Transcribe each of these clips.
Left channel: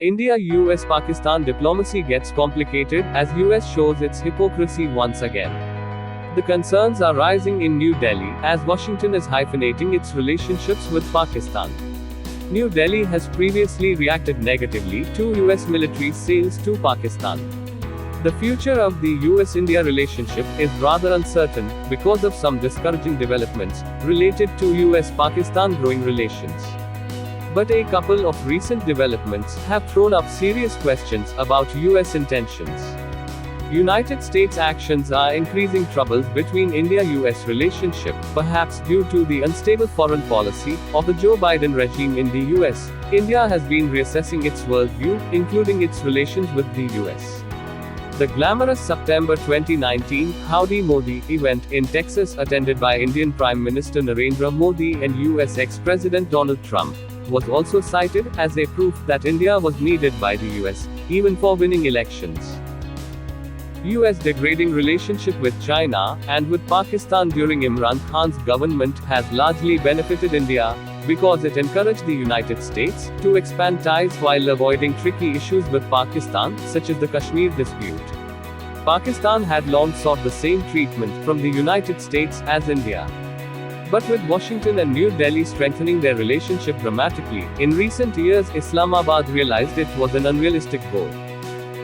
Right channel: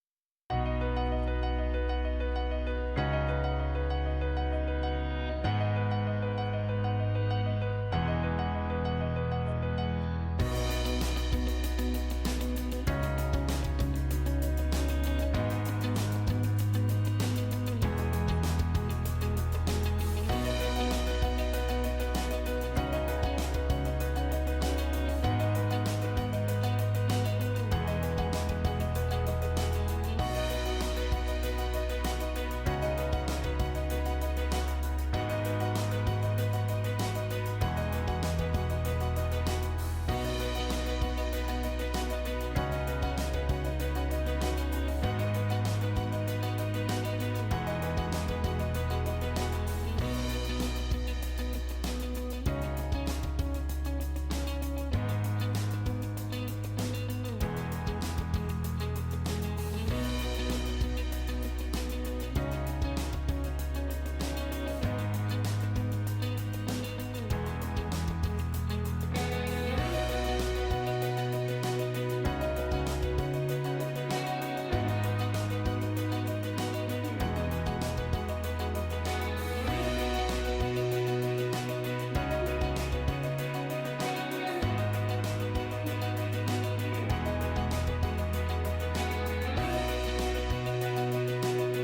India-US-Pakistan diplomacy gets complicated as US shows its hypocrisy once again. The concerns are rising in New Delhi as Washington is hyphenating its relationships with Pakistan. New Delhi has previously reacted negatively to US military sales to Pakistan. The future of the US-India relationship is rather uncertain because of some discouraging developments related to US-Pakistan growing relations. But a couple of recent developments have thrown up serious questions about US intentions. United States actions are increasing troubles between India-US relationship, perhaps due to the unstable foreign policy of the Joe Biden regime in the US. India has been reassessing its worldview, including its relations with the US. The glamorous September 2019 Howdy Modi event in Texas, attended by Indian Prime Minister Narendra Modi and US ex-President Donald Trump, was also cited as a proof that India was needed by the US, even for winning elections. US degrading relationship with China and with Pakistan during Imran Khan's government has largely benefited India, because it encouraged the United States to expand ties while avoiding tricky issues with Pakistan, such as the Kashmir dispute. Pakistan had long sought the same treatment from the United States as India. But with Washington and New Delhi strengthening their relationship dramatically, in recent years Islamabad realized it was an unrealistic goal.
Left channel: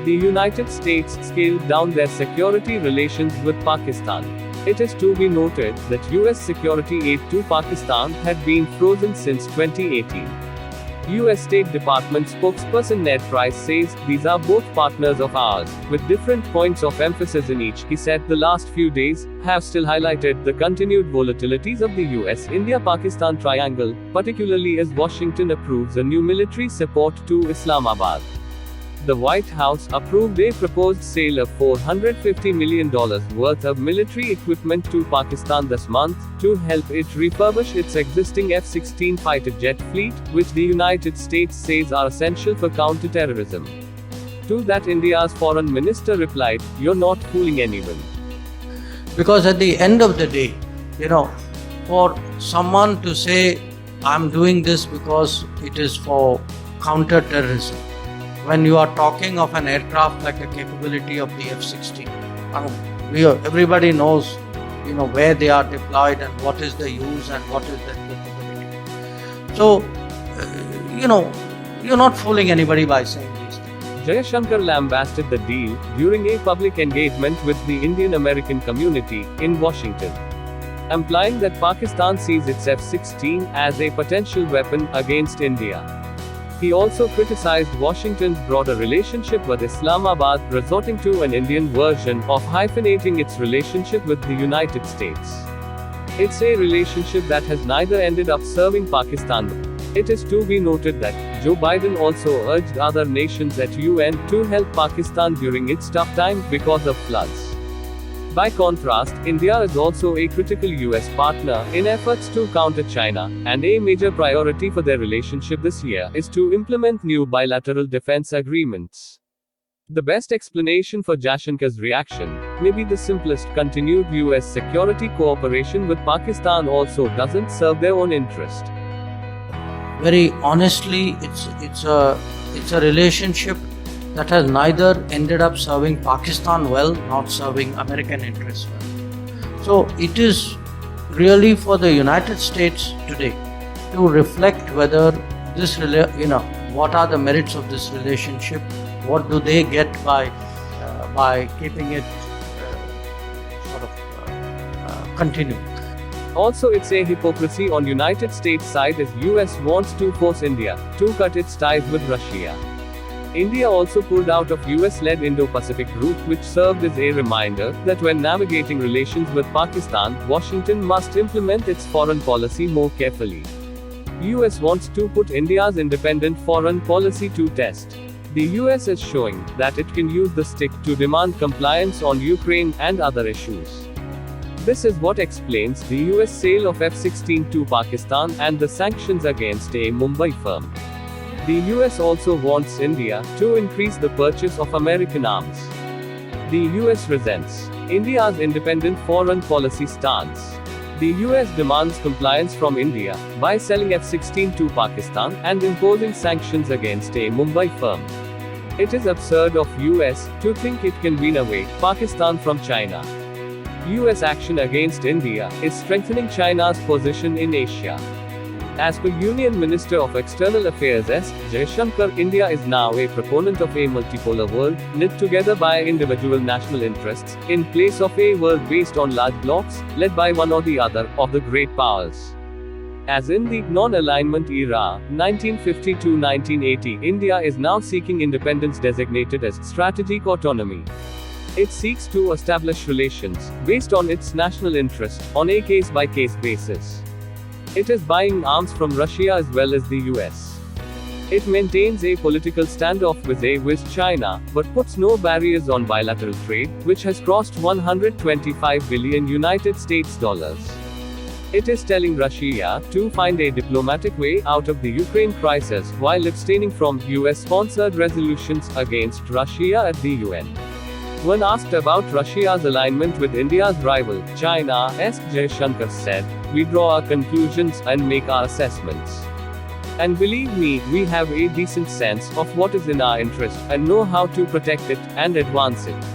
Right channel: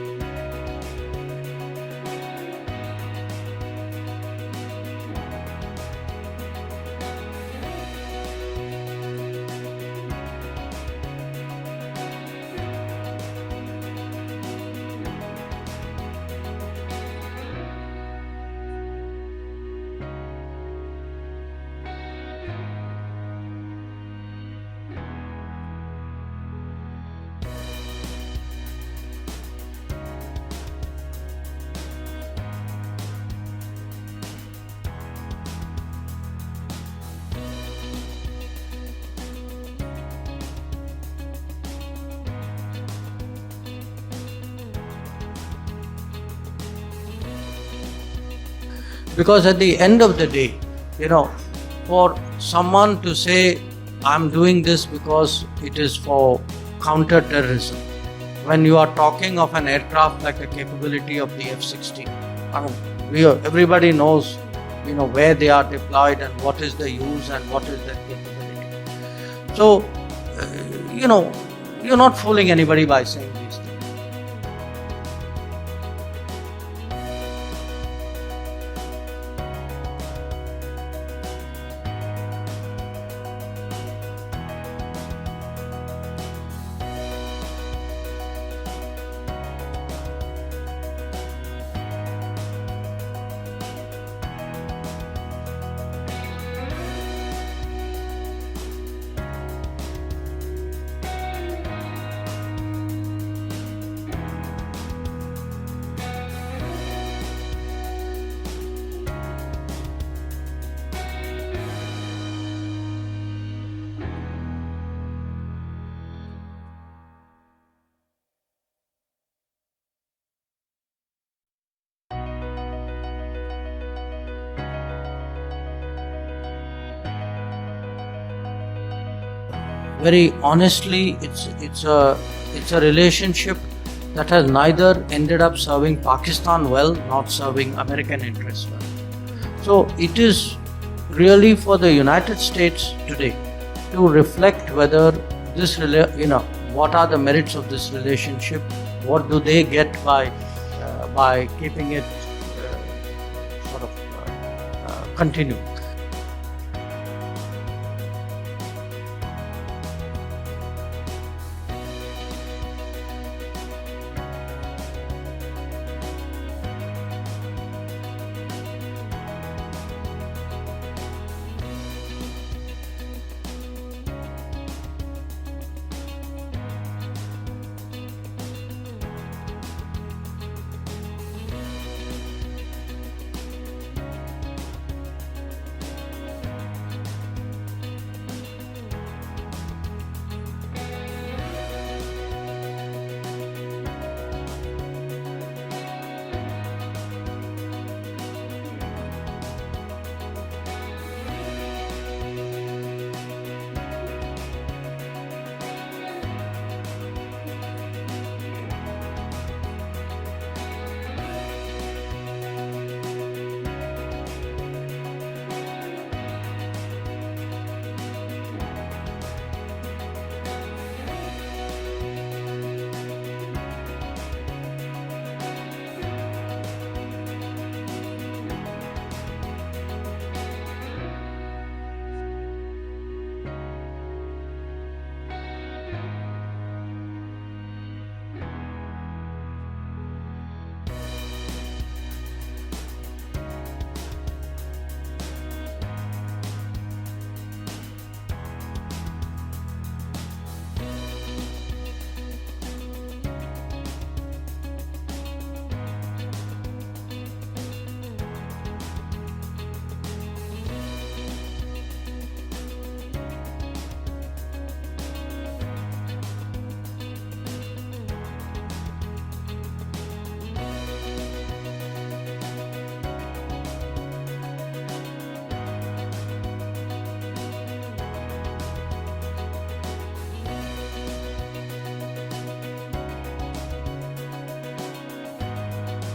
The United States scaled down their security relations with Pakistan. It is to be noted that US security aid to Pakistan had been frozen since 2018. US State Department spokesperson Ned Price says, "These are both partners of ours, with different points of emphasis in each." He said the last few days have still highlighted the continued volatilities of the US-India-Pakistan triangle, particularly as Washington approves a new military support to Islamabad. The White House approved a proposed sale of $450 million worth of military equipment to Pakistan this month, to help it refurbish its existing F-16 fighter jet fleet, which the United States says are essential for counterterrorism. To that, India's foreign minister replied, "You're not fooling anyone." Because at the end of the day, for someone to say, "I'm doing this because it is for counter-terrorism," when you are talking of an aircraft like the capability of the F-16, everybody knows, where they are deployed and what is the use and what is the capability. So, you're not fooling anybody by saying these things. Jaishankar lambasted the deal during a public engagement with the Indian-American community in Washington, implying that Pakistan sees its F-16 as a potential weapon against India. He also criticized Washington's broader relationship with Islamabad, resorting to an Indian version of hyphenating its relationship with the United States. It's a relationship that has neither ended up serving Pakistan. It is to be noted that Joe Biden also urged other nations at UN to help Pakistan during its tough time because of floods. By contrast, India is also a critical US partner in efforts to counter China, and a major priority for their relationship this year is to implement new bilateral defense agreements. The best explanation for Jaishankar's reaction may be the simplest: continued US security cooperation with Pakistan also doesn't serve their own interest. Very honestly, it's a relationship that has neither ended up serving Pakistan well, nor serving American interests well. So it is really for the United States today to reflect whether this, what are the merits of this relationship, what do they get by keeping it continuing. Also, it's a hypocrisy on United States side as US wants to force India to cut its ties with Russia. India also pulled out of US-led Indo-Pacific group, which served as a reminder that when navigating relations with Pakistan, Washington must implement its foreign policy more carefully. US wants to put India's independent foreign policy to test. The US is showing that it can use the stick to demand compliance on Ukraine and other issues. This is what explains the US sale of F-16 to Pakistan and the sanctions against a Mumbai firm. The US also wants India to increase the purchase of American arms. The US resents India's independent foreign policy stance. The US demands compliance from India by selling F-16 to Pakistan and imposing sanctions against a Mumbai firm. It is absurd of US to think it can win away Pakistan from China. US action against India is strengthening China's position in Asia. As per Union Minister of External Affairs S. Jaishankar, India is now a proponent of a multipolar world, knit together by individual national interests, in place of a world based on large blocs, led by one or the other, of the great powers. As in the non-alignment era, 1950 to 1980, India is now seeking independence designated as strategic autonomy. It seeks to establish relations, based on its national interest, on a case-by-case basis. It is buying arms from Russia as well as the US. It maintains a political standoff with China, but puts no barriers on bilateral trade, which has crossed $125 billion United States dollars. It is telling Russia to find a diplomatic way out of the Ukraine crisis, while abstaining from US-sponsored resolutions against Russia at the UN. When asked about Russia's alignment with India's rival, China, S. Jaishankar said, "We draw our conclusions and make our assessments. And believe me, we have a decent sense of what is in our interest, and know how to protect it, and advance it."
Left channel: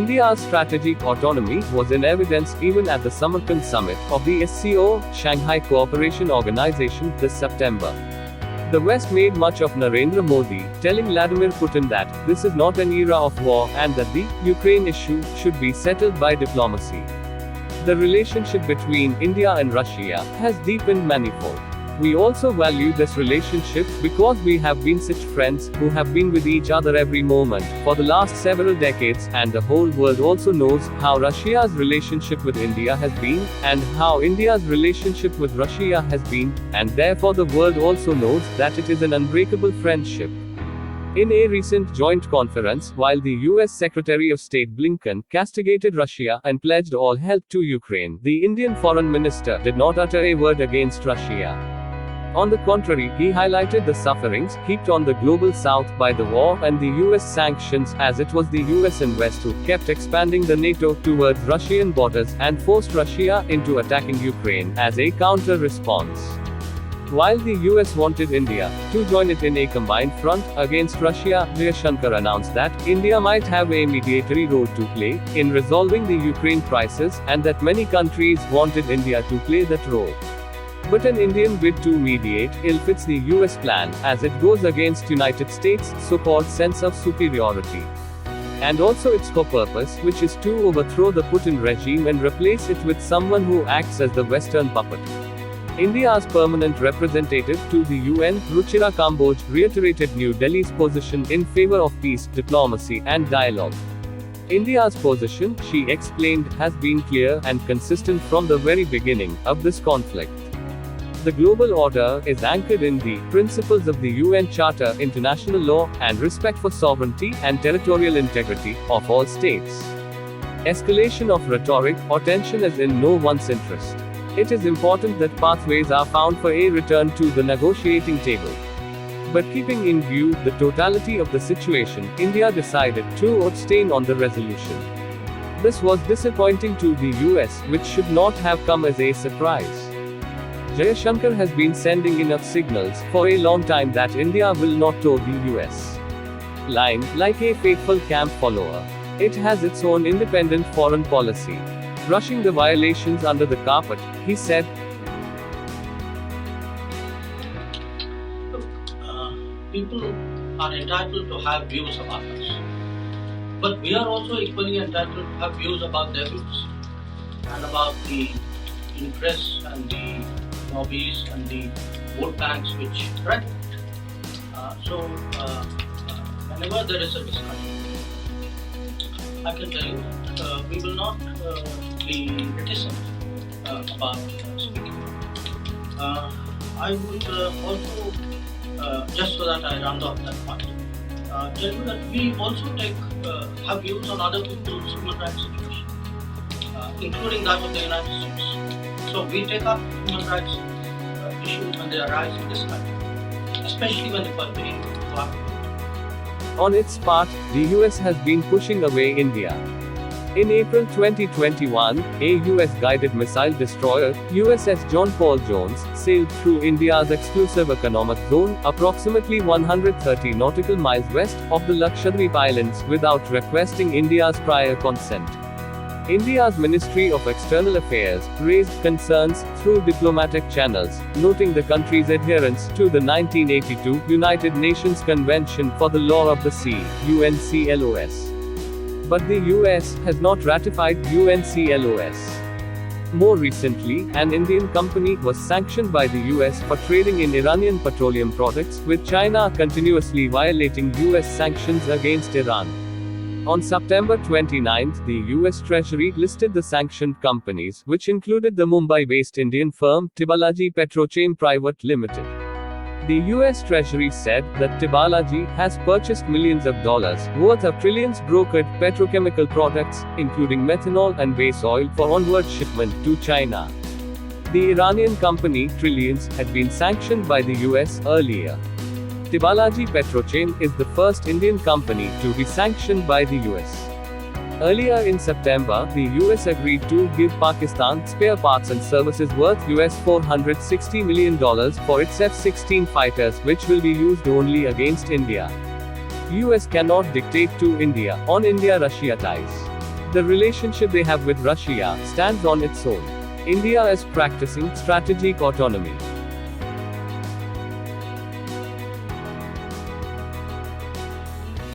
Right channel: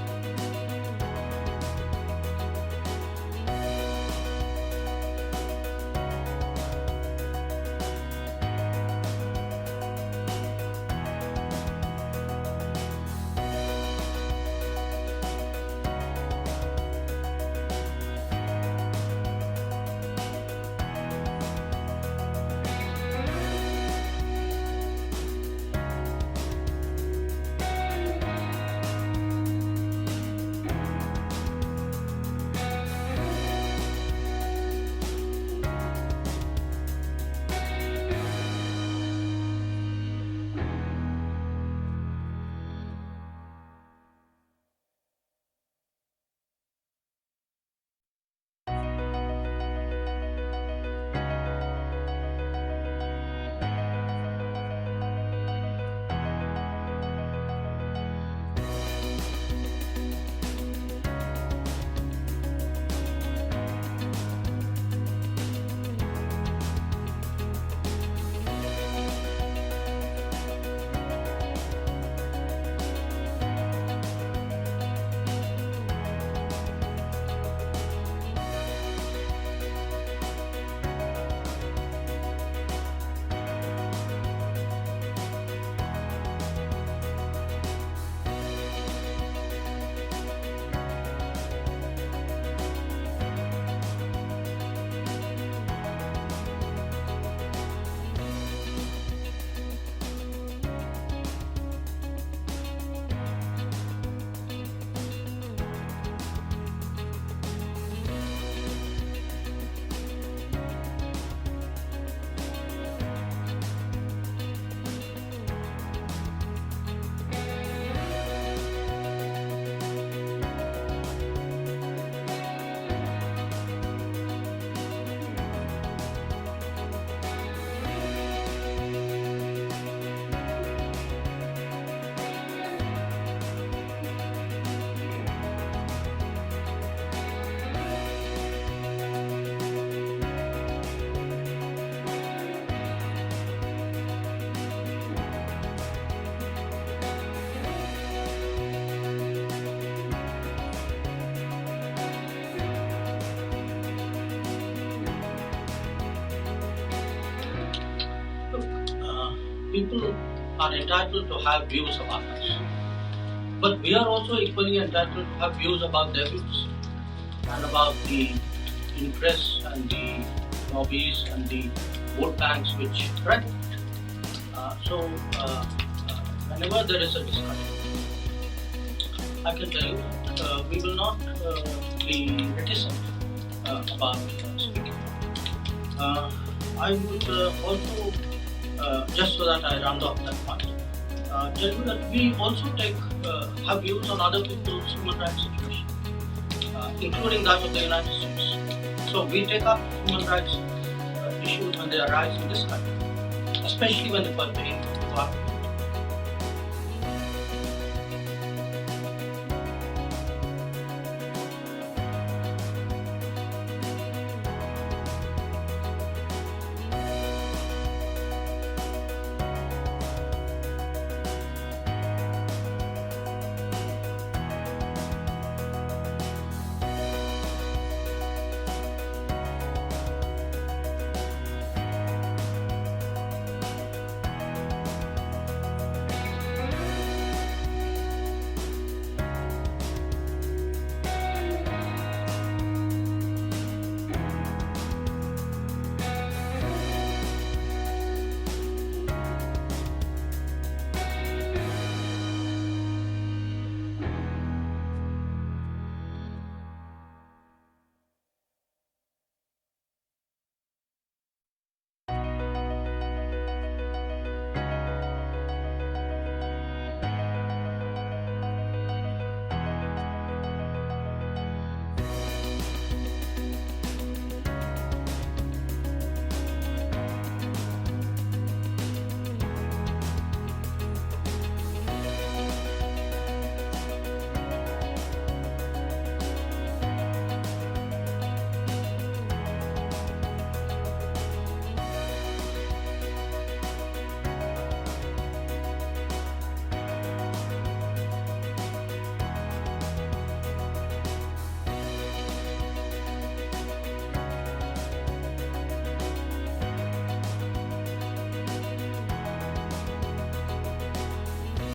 India's strategic autonomy was in evidence even at the Samarkand summit of the SCO, Shanghai Cooperation Organization, this September. The West made much of Narendra Modi, telling Vladimir Putin that this is not an era of war and that the Ukraine issue should be settled by diplomacy. The relationship between India and Russia has deepened manifold. We also value this relationship because we have been such friends who have been with each other every moment for the last several decades, and the whole world also knows how Russia's relationship with India has been, and how India's relationship with Russia has been, and therefore the world also knows that it is an unbreakable friendship. In a recent joint conference, while the US Secretary of State Blinken castigated Russia and pledged all help to Ukraine, the Indian Foreign Minister did not utter a word against Russia. On the contrary, he highlighted the sufferings heaped on the global south by the war and the US sanctions, as it was the US and West who kept expanding the NATO towards Russian borders and forced Russia into attacking Ukraine as a counter-response. While the US wanted India to join it in a combined front against Russia, Jaishankar announced that India might have a mediatory role to play in resolving the Ukraine crisis, and that many countries wanted India to play that role. But an Indian bid to mediate ill-fits the US plan, as it goes against United States' so-called sense of superiority. And also its core purpose, which is to overthrow the Putin regime and replace it with someone who acts as the Western puppet. India's permanent representative to the UN, Ruchira Kamboj, reiterated New Delhi's position in favor of peace, diplomacy, and dialogue. India's position, she explained, has been clear and consistent from the very beginning of this conflict. The global order is anchored in the principles of the UN Charter, international law, and respect for sovereignty and territorial integrity of all states. Escalation of rhetoric or tension is in no one's interest. It is important that pathways are found for a return to the negotiating table. But keeping in view the totality of the situation, India decided to abstain on the resolution. This was disappointing to the US, which should not have come as a surprise. Jaishankar has been sending enough signals for a long time that India will not toe the US line, like a faithful camp follower. It has its own independent foreign policy, brushing the violations under the carpet, he said. Look, people are entitled to have views about us. But we are also equally entitled to have views about their views, and about the interests and the lobbies and the vote banks which run it. Whenever there is a discussion, I can tell you that we will not be reticent about speaking. I would also, just so that I round off that point, tell you that we also have views on other people's human rights situation, including that of the United States. So we take up human rights issues when they arise in this country, especially when they pertain to our. On its part, the US has been pushing away India. In April 2021, a US-guided missile destroyer, USS John Paul Jones, sailed through India's exclusive economic zone, approximately 130 nautical miles west of the Lakshadweep Islands, without requesting India's prior consent. India's Ministry of External Affairs raised concerns through diplomatic channels, noting the country's adherence to the 1982 United Nations Convention for the Law of the Sea, UNCLOS. But the US has not ratified UNCLOS. More recently, an Indian company was sanctioned by the US for trading in Iranian petroleum products, with China continuously violating US sanctions against Iran. On September 29, the US Treasury listed the sanctioned companies, which included the Mumbai-based Indian firm Tibalaji Petrochem Private Limited. The US Treasury said that Tibalaji has purchased millions of dollars worth of trillions brokered petrochemical products, including methanol and base oil, for onward shipment to China. The Iranian company Trillions had been sanctioned by the US earlier. Tibalaji Petrochem is the first Indian company to be sanctioned by the US. Earlier in September, the US agreed to give Pakistan spare parts and services worth $460 million for its F-16 fighters, which will be used only against India. US cannot dictate to India on India-Russia ties. The relationship they have with Russia stands on its own. India is practicing strategic autonomy.